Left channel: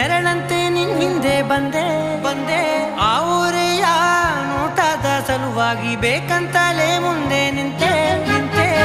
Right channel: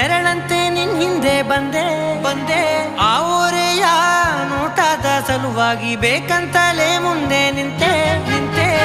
ನೆರಳಂತೆ ನಿನ್ ಹಿಂದೆ ಬಂದೆ ಆ ಊರೆಯ ನೋಟದ ಸಲುವಾಗಿ ಬೇಕಂತಲೇ ಮುಂದೆ ನಿಂತೆ